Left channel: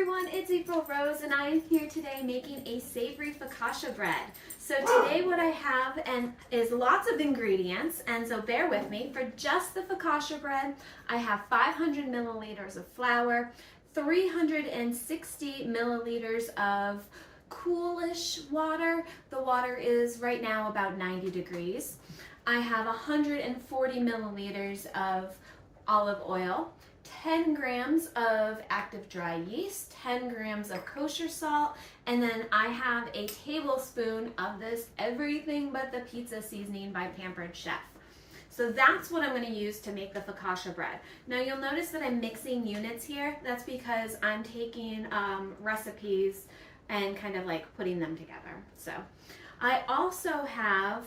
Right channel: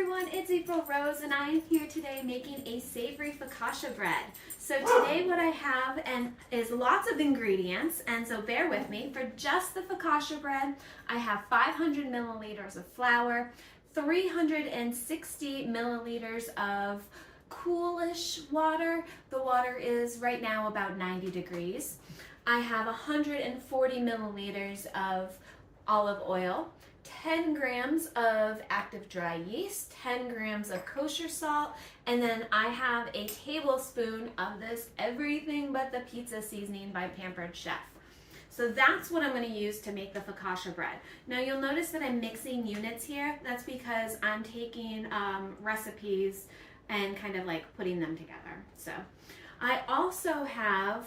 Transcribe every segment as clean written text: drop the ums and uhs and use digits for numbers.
everyone, it's April Rose and I am here today making a savory focaccia bread. So today what I have is lots of ingredients, and so bear with me. For just the focaccia bread, I have 500 milliliters of flour, 360 milliliters of coolish water. The water is right now about 90 degrees. I have 140 milliliters of olive oil, 10 grams of active dry yeast, 10 grams of kosher salt, and then I have a tablespoon of this everything but the pizza seasoning by Pampered Chef. So that's what I'm going to use to make the focaccia bread. Now you'll notice that I'm mixing units here. That's because I'm taking recipes and kind of like putting them together. So I also have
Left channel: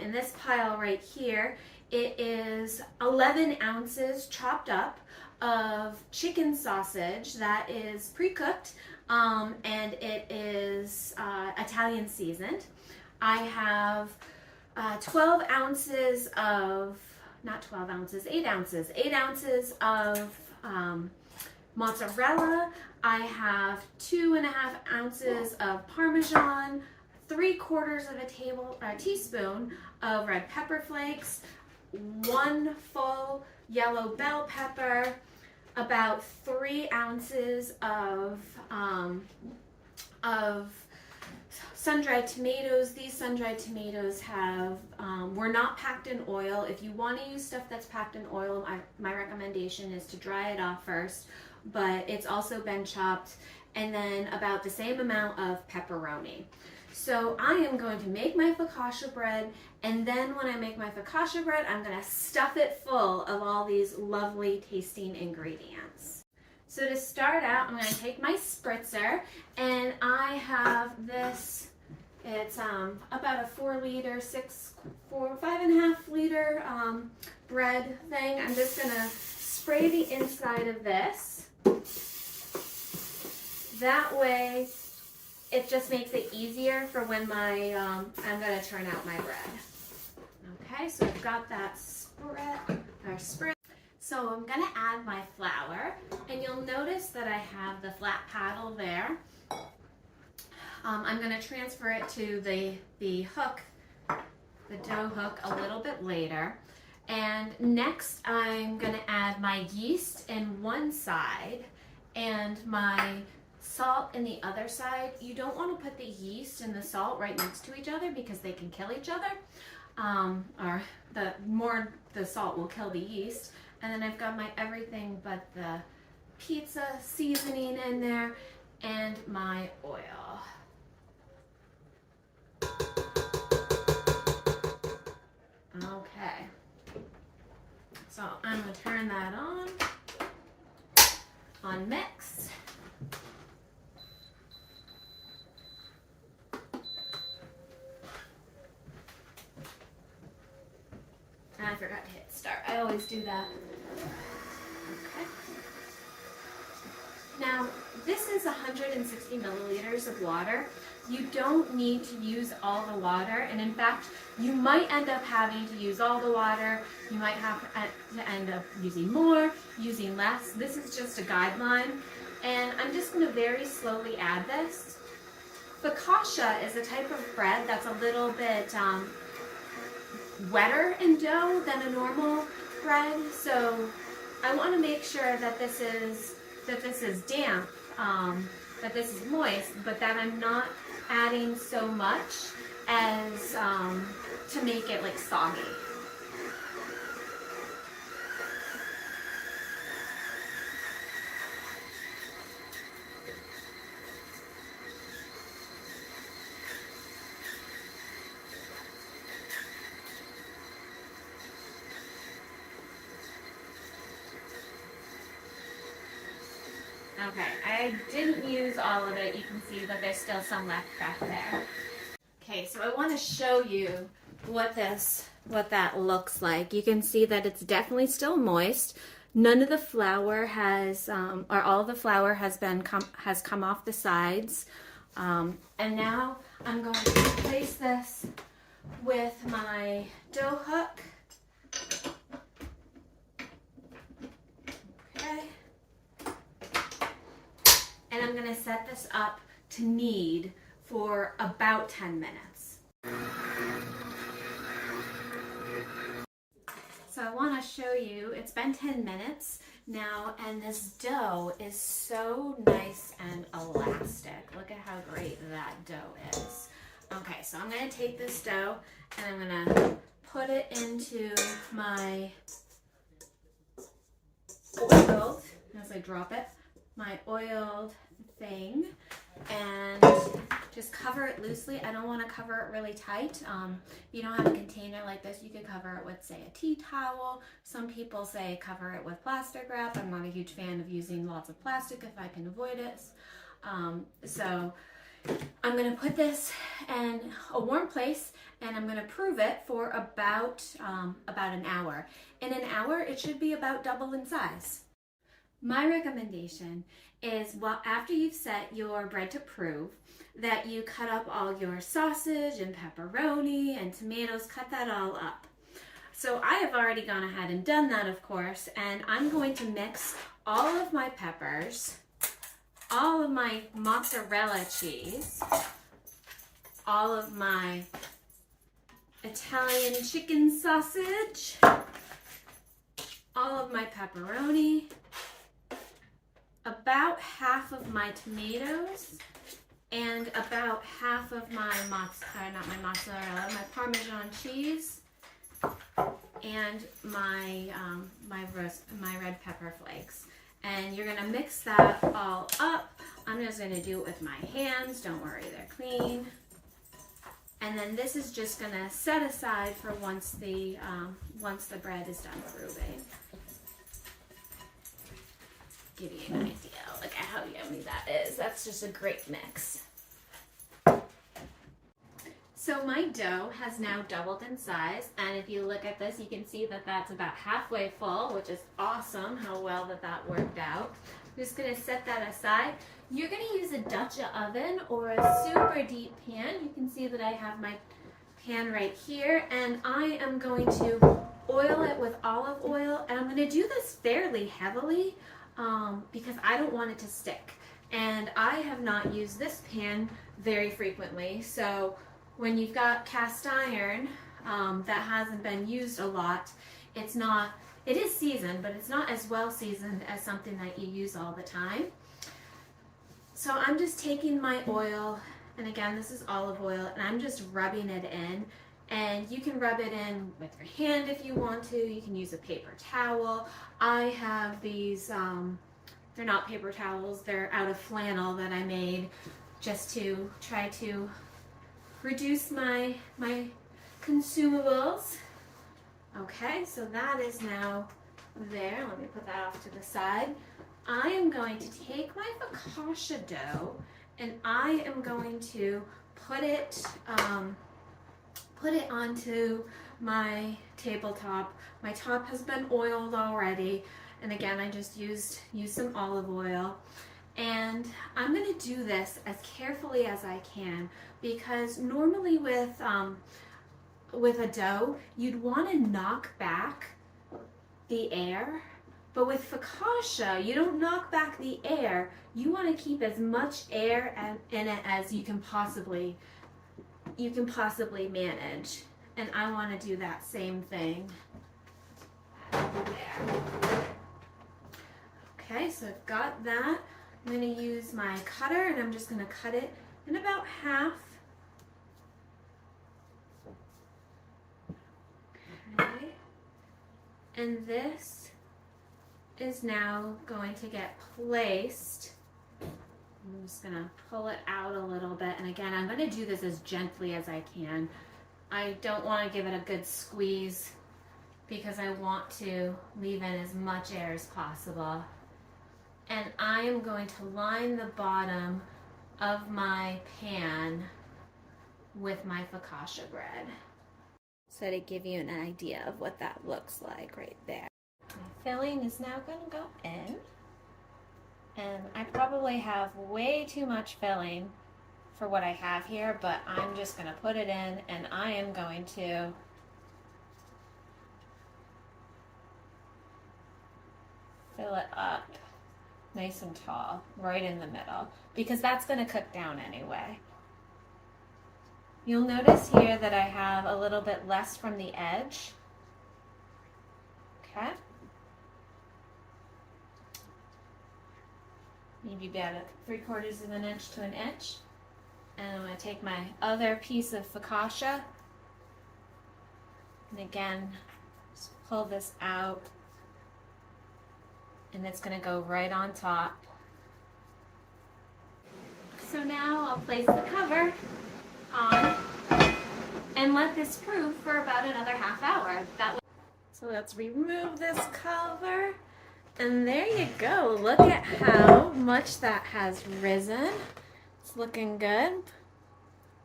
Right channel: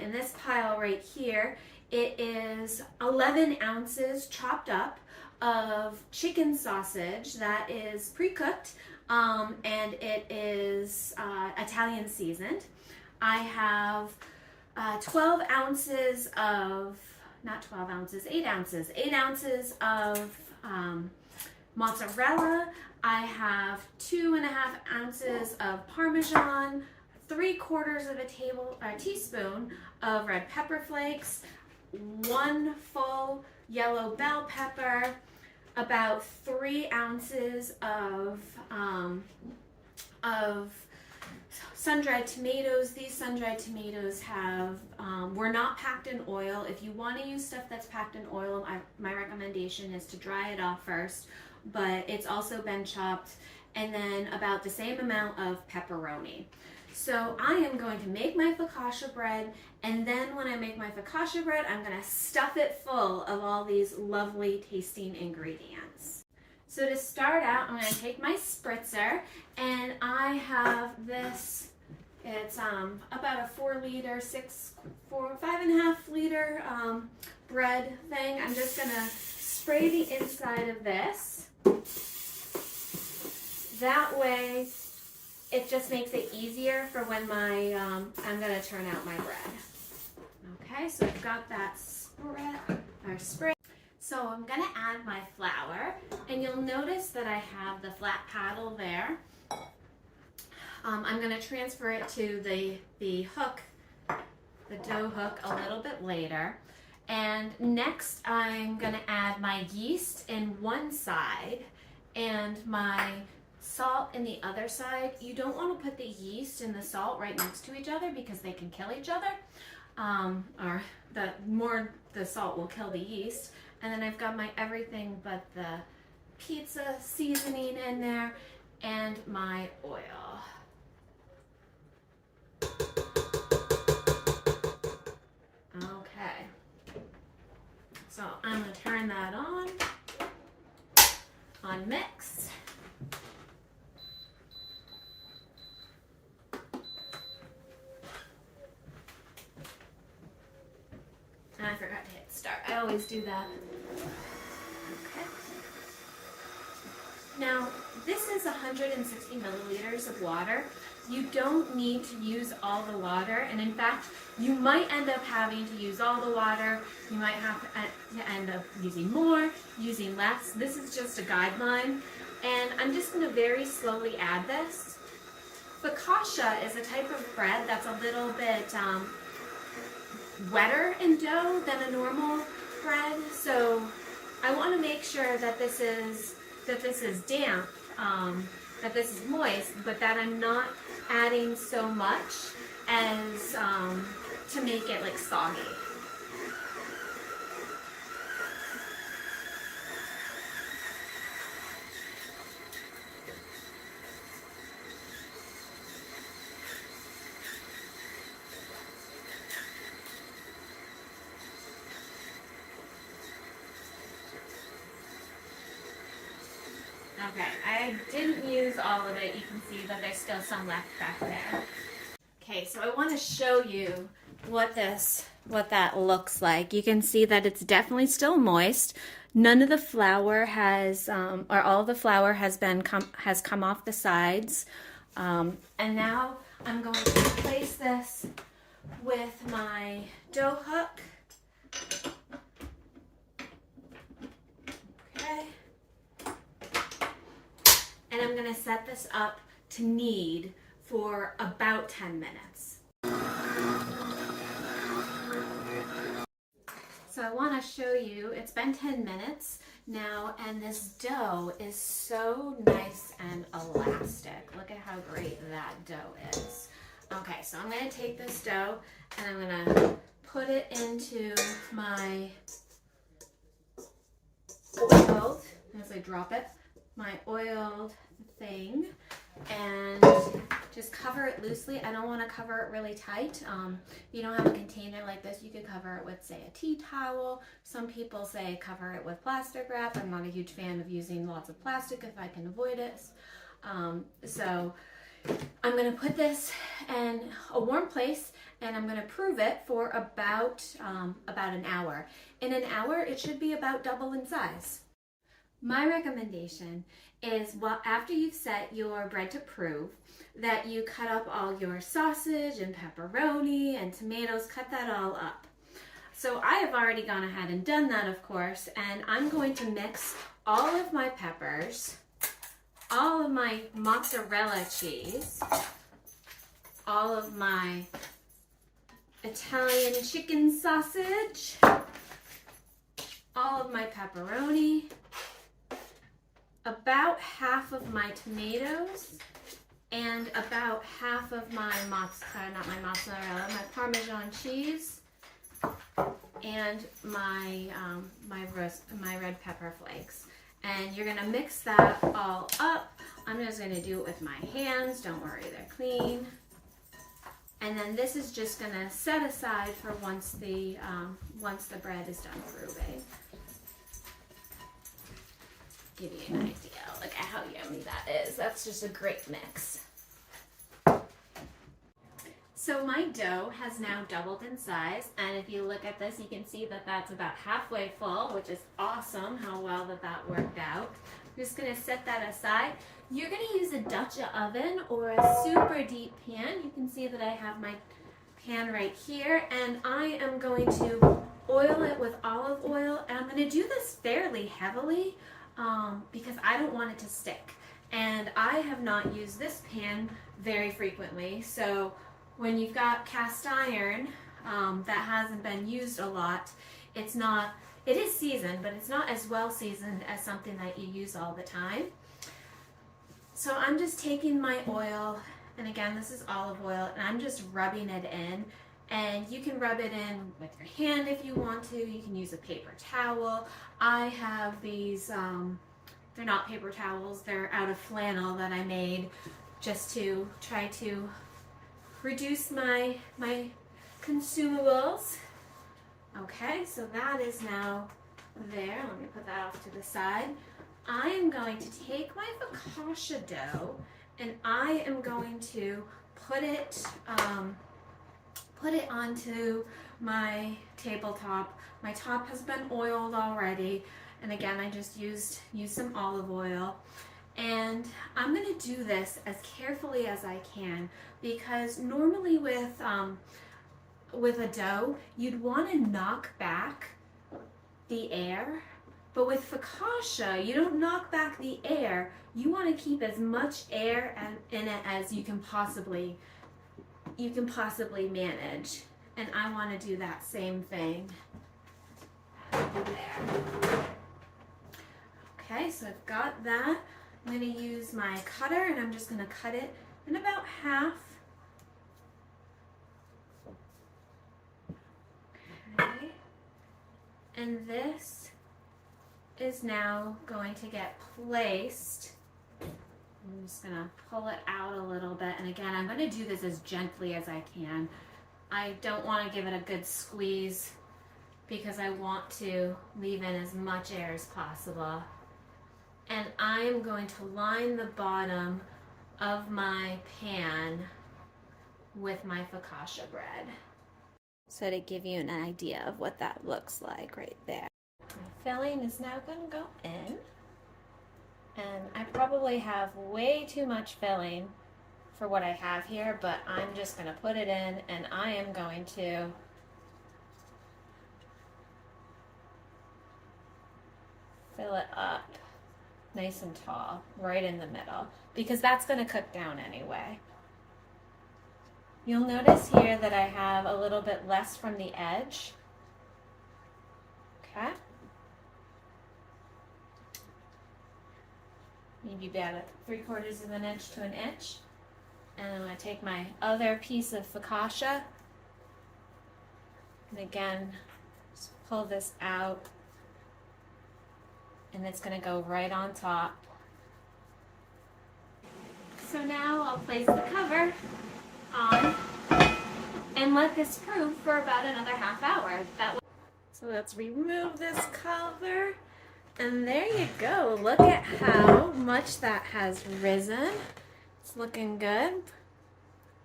in this pile right here, it is 11 ounces chopped up of chicken sausage that is pre-cooked and it is Italian seasoned. I have 12 ounces of, not 12 ounces, 8 ounces, 8 ounces of mozzarella. I have 2.5 ounces of Parmesan, 3/4 of a teaspoon of red pepper flakes, 1 full yellow bell pepper, about 3 ounces of sun-dried tomatoes. These sun-dried tomatoes were not packed in oil. If you want to use stuff that's packed in oil, my recommendation is to dry it off first, but it's also been chopped, and then about the same amount of pepperoni. So I am going to make my focaccia bread, and then when I make my focaccia bread, I'm going to stuff it full of all these lovely tasting ingredients. So to start out, I'm going to take my spritzer, and I have this, it's about a 5.5 liter bread thing. I'm just going to spray the inside of this. That way, it just makes it easier for when I'm going to turn out my bread. Okay, so I've got that spray. So I'm going to add my flour, and you'll notice that I have the flat paddle there. I'm going to transfer it to the hook, the dough hook, a little bit later. And next I'm going to add my yeast in one side and my salt in the other side. You don't want to put the yeast and the salt right next to each other because they can kill each other. Or the salt will kill the yeast. And then I've got my everything but the pizza seasoning in there and my oil. Okay. So I'm going to turn that on mix. I forgot to hit start. I always do that. Okay. Now, this is 160 milliliters of water. You don't need to use all the water, and in fact, you might end up having to use all the water. You might have to end up using more, using less. This is just a guideline, and I'm just going to very slowly add this. Focaccia is a type of bread that's a little bit wetter in dough than a normal bread, so I want to make sure that this is damp, that this is moist, but that I'm not adding so much as to make it like soggy. Okay, I didn't use all of it. You can see that there's still some left back there. Okay, so I want to show you what that looks like. You can see that it's definitely still moist. None of the flour has, or all the flour has come off the sides. And now I'm going to replace this with my dough hook. Okay. and I'm gonna set this up to knead for about 10 minutes. So I wanna show you, it's been 10 minutes now, and this dough is so nice and elastic. Look at how great that dough is. Okay, so I'm gonna take this dough and I'm gonna put it into my oiled, as I drop it, my oiled thing, and just cover it loosely. I don't want to cover it really tight. If you don't have a container like this, you could cover it with, say, a tea towel. Some people say cover it with plastic wrap. I'm not a huge fan of using lots of plastic if I can avoid it. So I'm going to put this in a warm place, and I'm going to prove it for about an hour. In an hour, it should be about double in size. My recommendation is, well, after you've set your bread to prove, that you cut up all your sausage and pepperoni and tomatoes, cut that all up. So I have already gone ahead and done that, of course, and I'm going to mix all of my peppers, all of my mozzarella cheese, all of my Italian chicken sausage, all of my pepperoni, about half of my tomatoes, and about half of my my Parmesan cheese, and my red pepper flakes. And you're gonna mix that all up. I'm just gonna do it with my hands. Don't worry, they're clean. And then this is just gonna set aside for once the bread is done proving. Give you an idea. Look at how yummy that is. That's just a great mix. So my dough has now doubled in size, and if you look at this, you can see that that's about halfway full, which is awesome how well that worked out. I'm just gonna set that aside. You're gonna use a Dutch oven or a super deep pan. You can see that I have my pan right here, and I am going to oil it with olive oil, and I'm gonna do this fairly heavily because I don't want it to stick. And I have not used this pan very frequently, so when you've got cast iron that hasn't been used a lot, it is seasoned, but it's not as well seasoned as something that you use all the time. So I'm just taking my oil, and again, this is olive oil, and I'm just rubbing it in. And you can rub it in with your hand if you want to. You can use a paper towel. I have these, they're not paper towels, they're out of flannel that I made just to try to reduce my consumables. Okay, so that is now there. Let me put that off to the side. I am going to take my focaccia dough, and I am going to put it onto my tabletop. My top has been oiled already, and again, I just used some olive oil. And I'm going to do this as carefully as I can, because normally with a dough, you'd want to knock back the air, but with focaccia, you don't knock back the air. You want to keep as much air in it as you can possibly manage. And I want to do that same thing there. Okay, so I've got that. I'm going to use my cutter, and I'm just going to cut it in about half. Okay. And this is now going to get placed. I'm just going to pull it out a little bit. And again, I'm going to do this as gently as I can. I don't want to give it a good squeeze because I want to leave in as much air as possible. And I am going to line the bottom of my pan with my focaccia bread. So to give you an idea of what that looks like right there. My filling is now going to go in. And I probably have way too much filling for what I have here, but I'm just going to put it in, and I am going to fill it up nice and tall, right in the middle, because that's going to cook down anyway. You'll notice here that I have a little bit less from the edge. Okay. Maybe about 3/4 of an inch to an inch. And I'm going to take my other piece of focaccia. And again, just pull this out. And it's going to go right on top. So now I'll place the cover on and let this proof for about another half hour. So let's remove this cover. And there you go. Look at how much that has risen. It's looking good.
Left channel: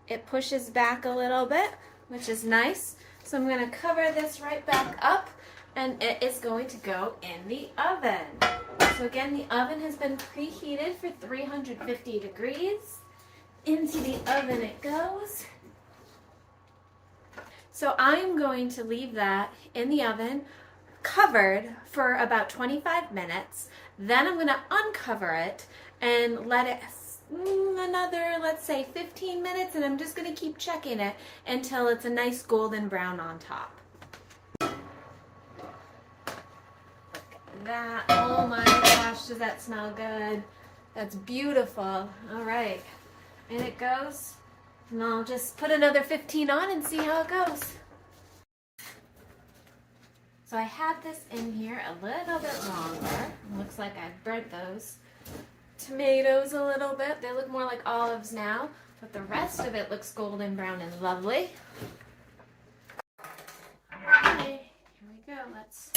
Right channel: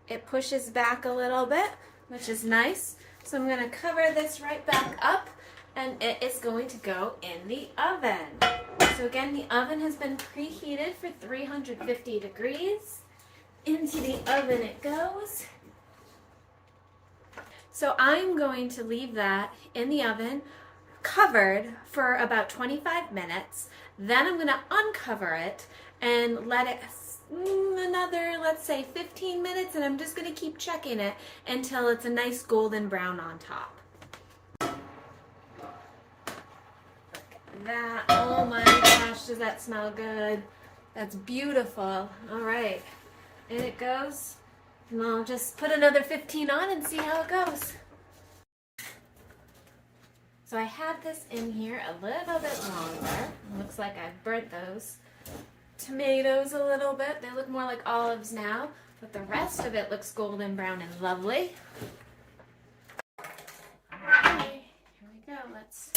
It pushes back a little bit, which is nice. So I'm going to cover this right back up, and it is going to go in the oven. So again, the oven has been preheated for 350 degrees. Into the oven it goes. So I'm going to leave that in the oven covered for about 25 minutes. Then I'm going to uncover it and let it another, let's say 15 minutes, and I'm just going to keep checking it until it's a nice golden brown on top. Look at that. Oh my gosh, does that smell good? That's beautiful. All right, in it goes, and I'll just put another 15 on and see how it goes. So I had this in here a little bit longer. Looks like I've burnt those tomatoes a little bit. They look more like olives now, but the rest of it looks golden brown and lovely. Okay, here we go. Let's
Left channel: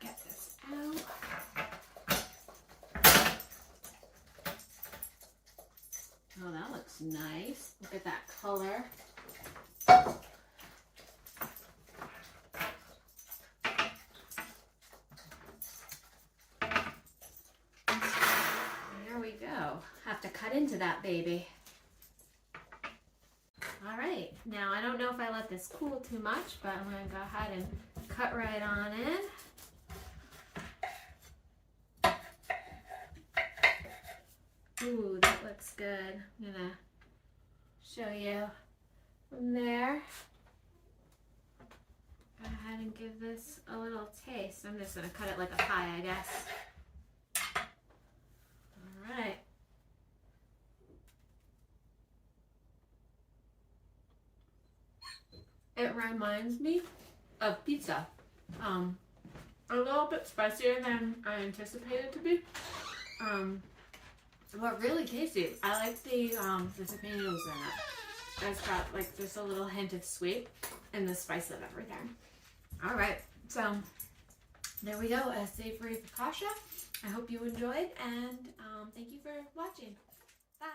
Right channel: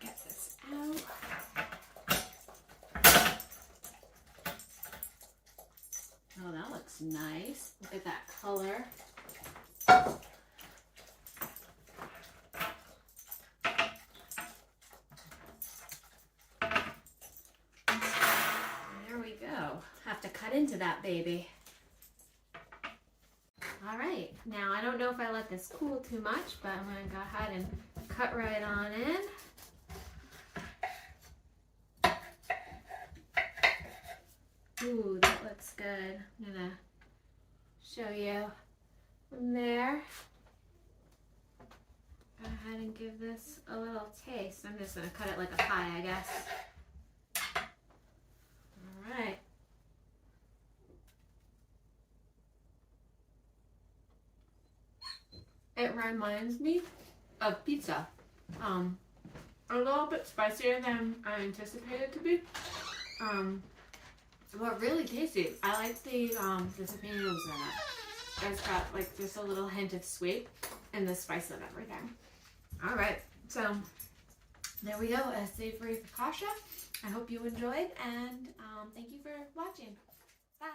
get this out. Oh, that looks nice. Look at that color. Have to cut into that baby. All right, now I don't know if I let this cool too much, but I'm going to go ahead and cut right on in. Ooh, that looks good. I'm going to show you from there. Go ahead and give this a little taste. I'm just going to cut it like a pie, I guess. All right. It reminds me of pizza. A little bit spicier than I anticipated it to be. But really tasty. I like the tomatoes in it. It's got like just a little hint of sweet and the spice of everything. All right, so there we go, a savory focaccia. I hope you enjoyed, and thank you for watching. Bye.